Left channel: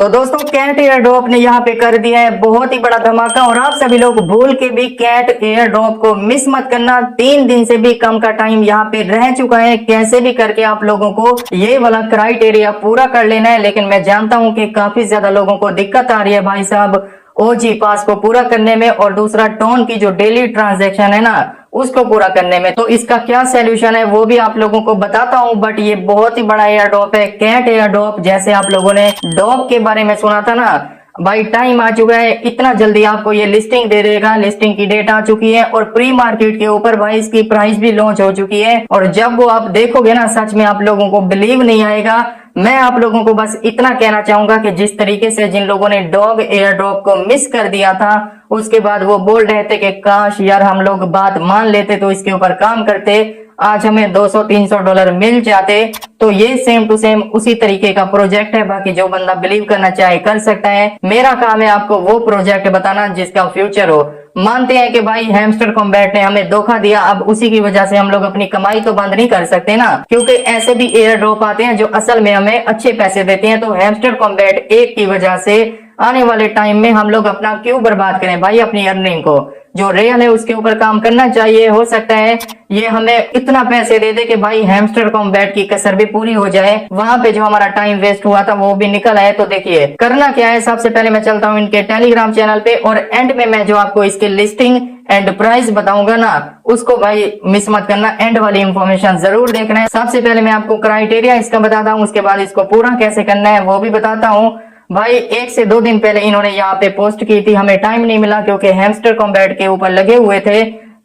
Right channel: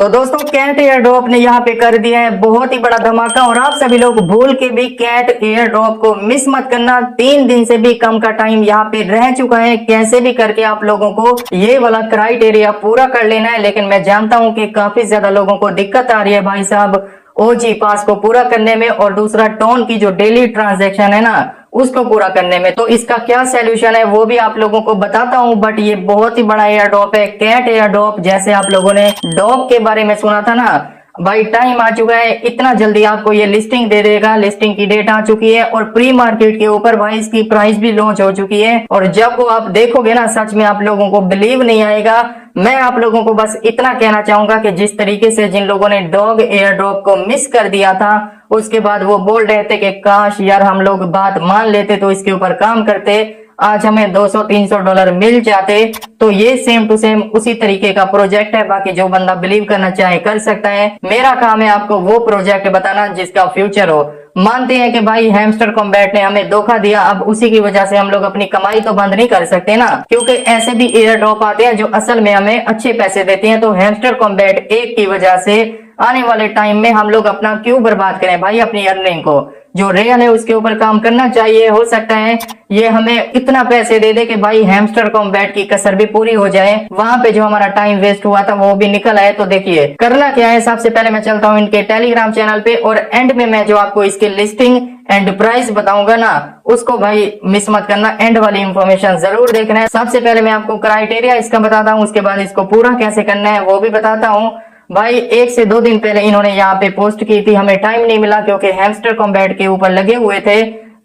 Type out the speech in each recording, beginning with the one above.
तो दोस्तों cat air drop ने यहाँ पे कर दिया है बहुत ही बड़ा धमाका। और आप सभी लोग भूल के भी कैट एयर ड्रॉप को मिस मत करना। 3 दिन से भी कम का टाइम यहाँ पे रह चुका है। कैसे भी करके आप लोगों को ये वाला क्राइटेरिया पूरा कर लेना है। लेकिन मैं जानता हूँ कि काफी ज्यादा लोगों को दिक्कत आ रही है भाई साहब ओजी पास को पूरा करने में, और दूसरा टोन की जो डेली ट्रांजैक्शन है ना उसको पूरा करने में। तो इसका क्या सॉल्यूशन है वो भी आप लोगों को बताता हूँ। बट ये बहुत ही बड़ा एयर ड्रॉप है कैट एयर ड्रॉप। जैसे आप लोगों ने डॉग के बारे में सुना था ना भाई, टाइम आ चुका है। इतना जल्दी आपको ये लिस्टिंग दे देगा। लिस्टिंग की डेट आ चुकी है और प्री मार्केट के ऊपर भाई इसकी प्राइस भी लॉन्च हो चुकी है। और जब वो आप देखोगे ना सच में आप लोगों को बिलीव नहीं आएगा। मैं आप लोगों को बस इतना कहना चाहूंगा कि जिस तरीके से जिन लोगों ने डॉग एयर ड्रॉप को मिस कर दिया था, उसके बाद वो बोल रहे थे कि काश यार हम लोग बात मान लेते तो इसके ऊपर काम करते, आज हमें $200-300 मिल जाते। तो ये सेम टू सेम उसी तरीके का प्रोजेक्ट है। बाकी जो बंदा बिलीव करना चाहे कर सकता है। मेरा काम है आपको वो प्रोजेक्ट बताना जिसका फ्यूचर हो। मानते हैं कि भाई हैमस्टर कॉम्बैट ने हमें धोखा दिया, अब उसी की वजह से हम लोग अपनी कमाई तो बंद नहीं कर सकते ना, क्योंकि ऐसे भी एयर ड्रॉप आते हैं जो असल में हमें अच्छे पैसे देते हैं। तो हैमस्टर कॉम्बैट एक की वजह से आने वाले टाइम में हम लोग अपना क्यों बर्बाद करें भाई अपनी अर्निंग को। जो रियल है उसके ऊपर काम करना चाहिए। हो सकता है ये हमें इतना पैसे दे दे कि भाई हैमस्टर कॉम्बैट की कसर भी पूरी हो जाए। वहां पे जो हमारा टाइम वेस्ट हुआ था वो भी निकल आए। तो देखिए करना क्या है, सबसे पहले मैं चलता हूँ इनके टेलीग्राम चैनल पे और एंड में मैं जो आपको इसके लिस्टिंग एंड प्राइस बताऊंगा ना उसको भाई मिस मत करना। एंड वाली इंफॉर्मेशन जरूर देखना है। सबसे पहले मैं आपको क्राइटेरिया इसका बताता हूँ, उसके बाद इसको पूरा कैसे करना है वो भी बताता हूँ। भाई 1 से 2 दिन पहले इन्होंने यहाँ पे पोस्ट की थी, हमें टाइम नहीं मिला क्योंकि हैमस्टर कॉम्बैट के ऊपर लगे हुए थे।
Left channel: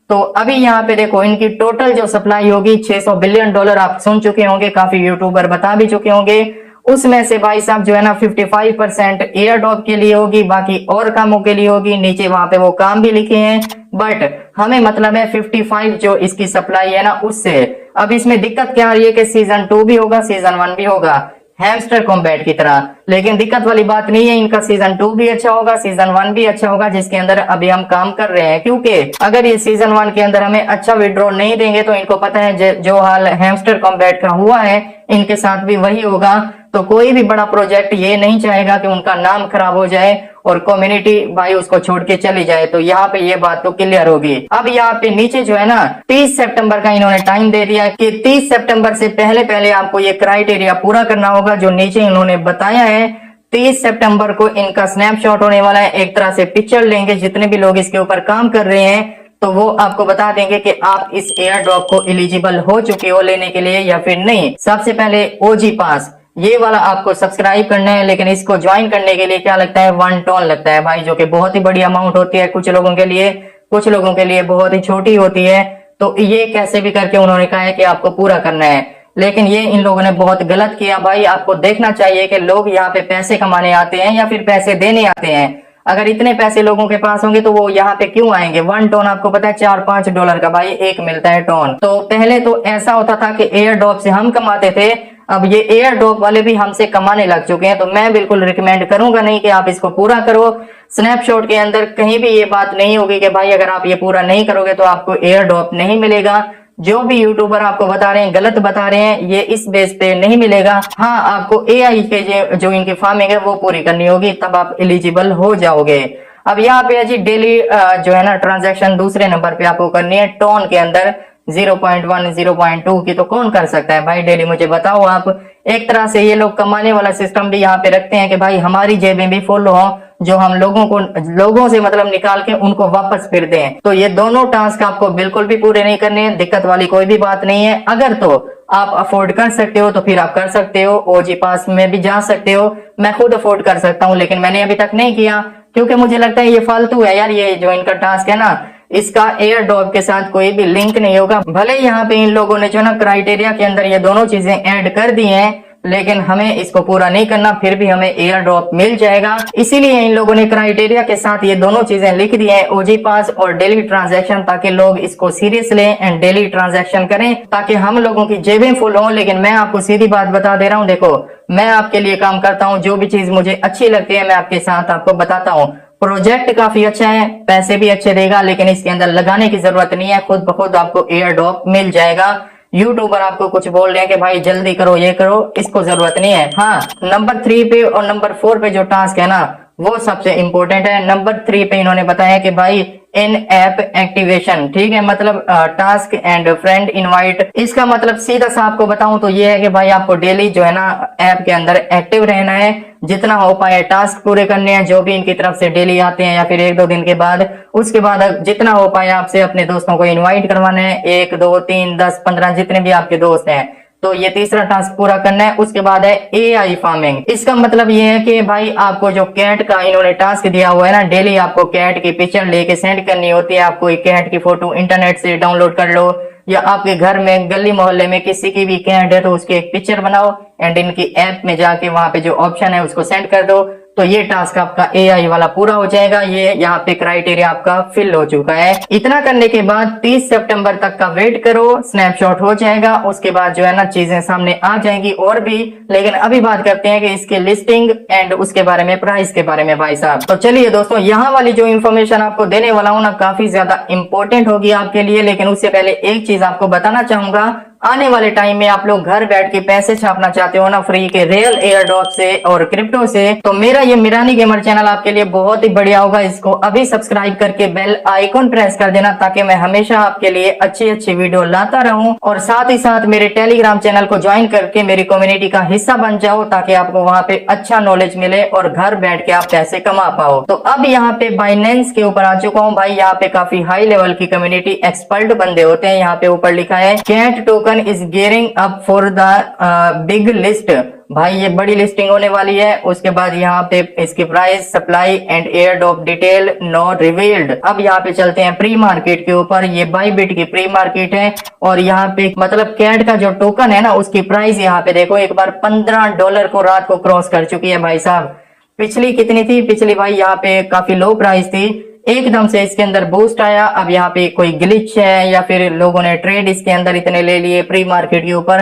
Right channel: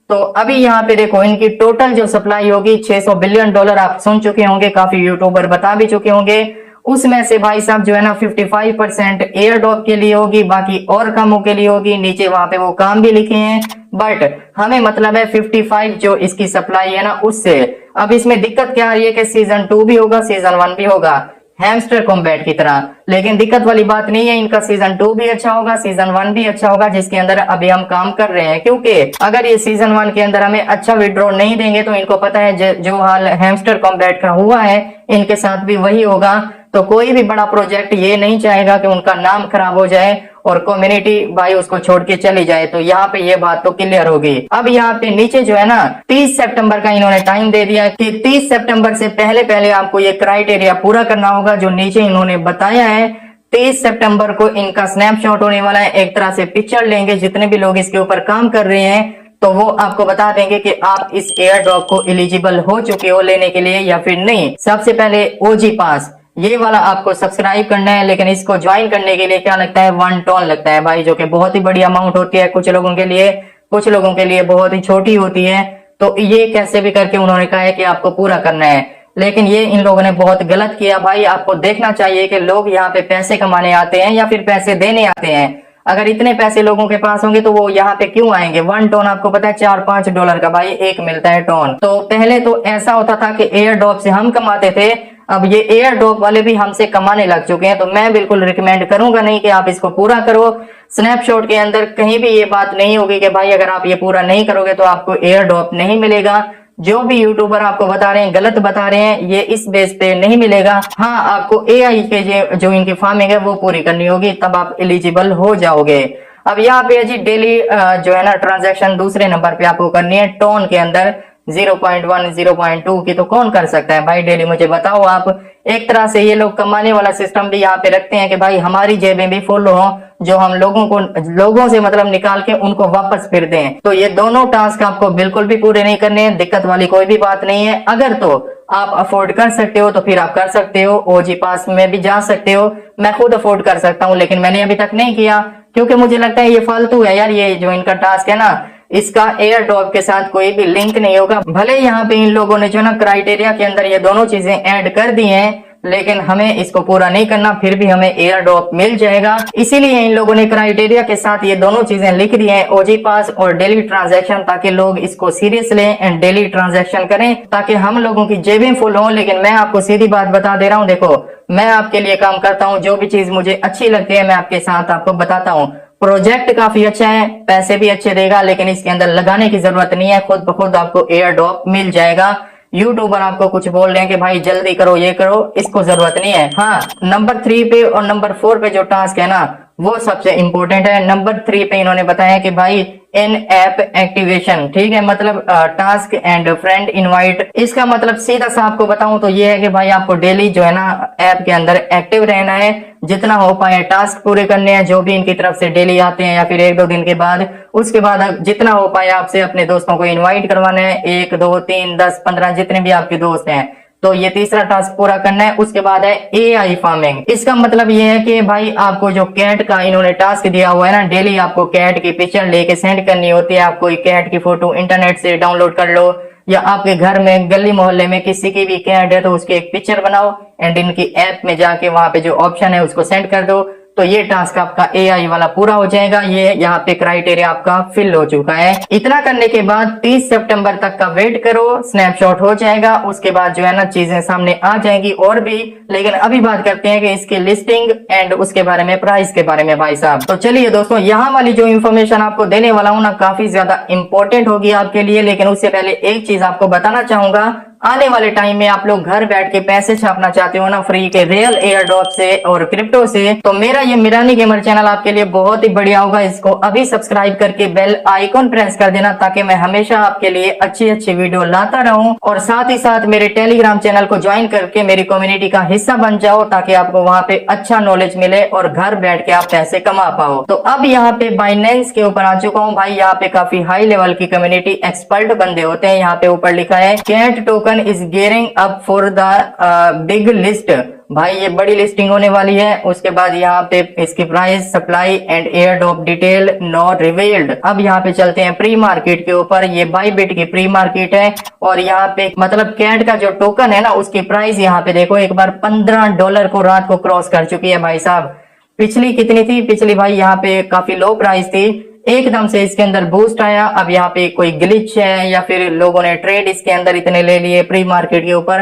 तो अभी यहाँ पे देखो इनकी टोटल जो सप्लाई होगी $600 बिलियन। आप सुन चुके होंगे, काफी यूट्यूबर बता भी चुके होंगे। उसमें से भाई साहब जो है ना 55% एयर ड्रॉप के लिए होगी, बाकी और कामों के लिए होगी। नीचे वहां पे वो काम भी लिखे हैं, बट हमें मतलब है 55 जो इसकी सप्लाई है ना उससे। अब इसमें दिक्कत क्या आ रही है कि सीजन 2 भी होगा, सीजन 1 भी होगा हैमस्टर कॉम्बैट की तरह। लेकिन दिक्कत वाली बात नहीं है, इनका सीजन 2 भी अच्छा होगा, सीजन 1 भी अच्छा होगा, जिसके अंदर अभी हम काम कर रहे हैं। क्योंकि अगर ये सीजन 1 के अंदर हमें अच्छा विड्रॉ नहीं देंगे तो इनको पता है जो हाल हैमस्टर कॉम्बैट का हुआ है इनके साथ भी वही होगा। तो कोई भी बड़ा प्रोजेक्ट ये नहीं चाहेगा कि उनका नाम खराब हो जाए और कम्युनिटी भाई उसको छोड़ के चली जाए। तो यहाँ पे ये बात तो क्लियर होगी। अब यहाँ पे नीचे जो है ना 30 सितंबर का इन्होंने टाइम दे दिया कि 30 सितंबर से पहले पहले आपको ये क्राइटेरिया पूरा करना होगा जो नीचे इन्होंने बताया है। 30 सितंबर को इनका स्नैपशॉट होने वाला है, एक तरह से पिक्चर लेंगे जितने भी लोग इसके ऊपर काम कर रहे हैं, तो वो आपको बता देंगे कि आप इस एयर ड्रॉप को एलिजिबल हो चुके हो लेने के लिए या फिर नहीं। सबसे पहले ओजी पास ये वाला आपको सब्सक्राइब करना है। लेकिन इसको ज्वाइन करने के लिए क्या लगता है, 1 टोन लगता है भाई, जो कि बहुत ही बड़ी अमाउंट होती है कुछ लोगों के लिए, कुछ लोगों के लिए बहुत ही छोटी होती है। तो ये कैसे भी करके उन्होंने कहा है कि आपको पूरा करना है। लेकिन ये इन लोगों ने बहुत गलत किया भाई। आपको देखना चाहिए कि लोग यहाँ पे पैसे कमाने आते हैं या फिर पैसे देने आते हैं। अगर इतने पैसे लोगों के पास होंगे तो वो यहाँ पे क्यों आएंगे। 1 टोन आपको पता है $4-5 का भाई एक मिलता है टोन। तो पहले तो ऐसा होता था कि एयर ड्रॉप से हम कमाते थे, अब ये एयर ड्रॉप वाले भी हमसे कमाने लग चुके हैं। तो मैं बिल्कुल रिकमेंड करूंगा नहीं कि आप इसको पूरा करो। स्नैपशॉट के अंदर कहीं भी ये बात नहीं होगी कि भाई अगर आप ये पूरा नहीं करोगे तो आपको एयर ड्रॉप नहीं मिलेगा। जो भी यूट्यूबर आपको बता रहे हैं गलत बता रहे हैं, ये इस बेस पे नहीं मिलेगा। हाँ आपको एआई के जो इनकी फार्मिंग है वो पूरी करनी होगी, तब आप एलिजिबल हो जाओगे। अब यहाँ पे जी डेली जो है ना ट्रांजैक्शन दूसरे नंबर पे आपको करनी है टोन के अंदर 0.1 0.2 की। तो कौन कर सकता है भाई डेली, मुझे बताओ आप। एक तरह से ये लोग कमाने वाला सिस्टम भी यहाँ पे रखते हैं कि भाई हमारी जेबें भी फुल हो, जो हम लोगों से मतलब निकाल के उनको वापस फिर दें। तो ये दोनों टास्क आपको बिल्कुल भी पूरे नहीं करने हैं। दिक्कत वाली कोई भी बात नहीं है। अगर तो आप अफोर्ड कर सकते हो तो फिर आप कर सकते हो, ओजी पास में भी जा सकते हो। मैं खुद अफोर्ड कर सकता हूँ लेकिन मैंने अभी तक नहीं किया क्योंकि मुझे लगता है ये फालतू है यार। ये जो इनका टास्क है ना इसका एयर ड्रॉप के साथ कोई भी लिंक नहीं होगा। भले यहाँ पे इन लोगों ने जो ना क्राइटेरिया के अंदर ये दोनों चीजें ऐड कर दी हैं, लेकिन हमें इसको पूरा नहीं करना, फिर भी हमें एयर ड्रॉप मिल जाएगा। इसीलिए इन लोगों ने क्राइटेरिया के साथ ये दोनों चीजें लिख दी हैं, ओजी पास और डेली ट्रांजैक्शन, ताकि लोग इसको सीरियस लें एंड डेली ट्रांजैक्शन करें, ताकि हम लोगों की जेबें फुल हों। लेकिन मैं आपको सीधी बात बता दे रहा हूँ, देखो मैं आपके लिए काम करता हूँ, जो भी चीज मुझे अच्छी लगती है मैं आपके साथ आपको बताता हूँ। प्रोजेक्ट काफी अच्छा है, पैसे भी अच्छे देगा, लेकिन इसके अंदर लगाने की जरूरत नहीं है, खुद ब खुद आपको एयर ड्रॉप मिल जाएगा। यूट्यूबर आपको कुछ बोल रहे हैं कि भाई जल्दी करो, ये करो, इसको जरूरत नहीं है। हाँ, नंबर 3 पे और नंबर 4 पे जो टास्क है ना वो सबसे इंपॉर्टेंट है। नंबर 3 पे इन्होंने बताया कि भाई इन ऐप एक्टिवेशन, ठीक है, मतलब टास्क एंड फ्रेंड इनवाइट। इसका मतलब सीधा सा आपको बताऊं तो ये है कि भाई आपको डेली जो है ना ऐप के अंदर एक्टिव रहना है, जितना हो पाए टास्क पूरे करने हैं जो भी इनकी तरफ से डेली आते हैं या फिर 1-2 दिन के बाद। उसके बाद जितना हो पाए आपसे अपने दोस्तों को इनवाइट करवाना है, 1, 2, 3, 10, 15 जितने भी आपके दोस्त हैं। तो ये तीसरा टास्क पूरा करना है। उसके बाद है AI फार्मिंग। इसका मतलब ये है कि भाई आपको जो कैट का इन्होंने टास्क दिया हुआ है ना, डेली आपको कैट की पिक्चर लेके सेंड करनी होती है। आप कोई कैट की फोटो इंटरनेट से डाउनलोड कर लो या आपके घर में गली मोहल्ले में किसी की भी कैट है तो उसकी एक पिक्चर बनाओ एंड इनकी ऐप में जाके वहां पे जो ऑप्शन है उसको सेंड कर दो। तो ये टास्क आपका AI वाला पूरा हो जाएगा। ये यहाँ पे क्राइटेरिया आपका फिल हो चुका है। इतना करने के बाद 30 सितंबर तक का वेट करो, स्नैपशॉट हो जाएगा। उसके बाद जो है ना चीजें सामने आ जाएंगी और भी। लेकिन अभी बात करते हैं कि इसकी लिस्टिंग एंड उसके बारे में, प्राइस के बारे में भाई साहब। तो चलिए दोस्तों, यहाँ वाली जो इन्फॉर्मेशन आपको देने वाला हूँ ना काफी ज्यादा इंपॉर्टेंट होगी आपके लिए। लेकिन उससे पहले एक चीज आपको बताना चाहूंगा, आने वाले टाइम में आप लोग घर बैठ के पैसे छापना चाहते हो ना फ्री के रियल एयरड्रॉप से और क्रिप्टो से, तो मेरा ये मिरानी गेमर चैनल आपके लिए बहुत ही बढ़िया होगा। इसको अभी सब्सक्राइब करके बेल आइकॉन प्रेस कर देना ताकि मैं हमेशा आपके लिए अच्छी अच्छी वीडियो लाता रहूं। और साथ ही साथ मेरे टेलीग्राम चैनल को ज्वाइन करके मेरी कम्युनिटी का हिस्सा बन जाओ ताकि आपको वहां पे अच्छा नॉलेज मिले और घर बैठ के आप पैसे कमा पाओ। तो अब यहाँ पे बाइनेंस के ऊपर आ चुका हूँ भाई। यहाँ पे काफी हाई लेवल की कम्युनिटी एक्सपर्ट बंदे होते हैं। यहाँ पे ऊपर लिखा है cat token is gearing up for the big list. भाई ये बड़ी लिस्टिंग होने वाली है। उसके बाद यहाँ पे इसकी price, supply and air drop detail not revealed. अब यहाँ पे चलते हैं प्री मार्केट के ऊपर। ये बाइबिट की प्री मार्केट है और यहाँ पे मतलब कैट का जो टोकन है ना उसकी प्राइस यहाँ पे देखो एक बार $15 को रात को क्रॉस कर चुकी है भाई साहब। पिछली कितनी थी? पिछली भाई यहाँ पे काफी लो प्राइस थी, एकदम से इसके अंदर बूस्ट आया। अब यहाँ पे कोई ग्लिच है या फिर लोगों ने ट्रेड इसके अंदर इतने ले लिए प्री मार्केट के ऊपर,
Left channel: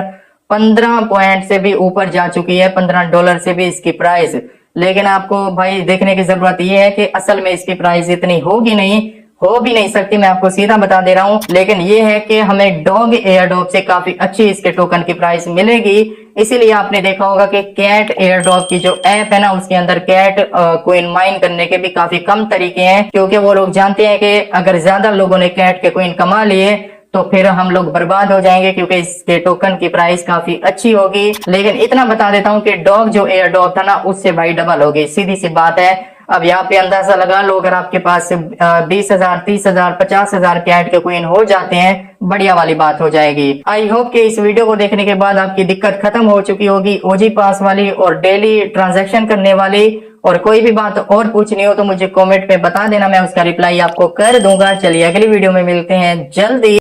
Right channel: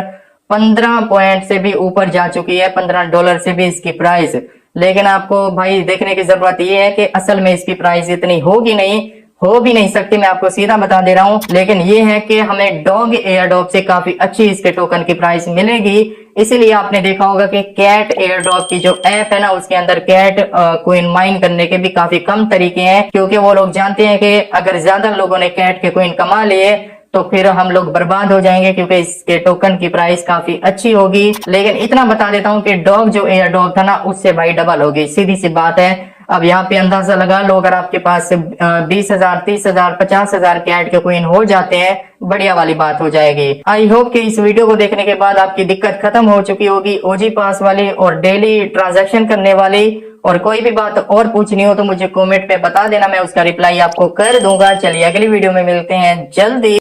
15 पॉइंट से भी ऊपर जा चुकी है, $15 से भी इसकी प्राइस। लेकिन आपको भाई देखने की जरूरत ये है कि असल में इसकी प्राइस इतनी होगी नहीं, हो भी नहीं सकती, मैं आपको सीधा बता दे रहा हूं। लेकिन ये है कि हमें डॉग एयरड्रॉप से काफी अच्छी इसके टोकन की प्राइस मिलेगी। इसीलिए आपने देखा होगा कि कैट एयरड्रॉप की जो ऐप है ना उसके अंदर कैट कोइन माइन करने के भी काफी कम तरीके हैं, क्योंकि वो लोग जानते हैं कि अगर ज्यादा लोगों ने कैट के कोइन कमा लिए तो फिर हम लोग बर्बाद हो जाएंगे, क्योंकि इसके टोकन की प्राइस काफी अच्छी होगी। लेकिन इतना बता देता हूं कि डॉग जो एयरड्रॉप था ना उससे भाई डबल होगी, सीधी सी बात है। अब यहाँ पे अंदाजा लगा लो, अगर आपके पास 20,000, 30,000, 50,000 कैट के कोइन हो जाते हैं, बढ़िया वाली बात हो जाएगी। आई होप कि इस वीडियो को देखने के बाद आपकी दिक्कत खत्म हो चुकी होगी ओजी पास वाली और डेली ट्रांजैक्शन करने वाली। और कोई भी बात और पूछनी हो तो मुझे कमेंट पे बता देना, मैं उसका रिप्लाई आपको कर दूंगा। चलिए अगली वीडियो में मिलते हैं जल्दी।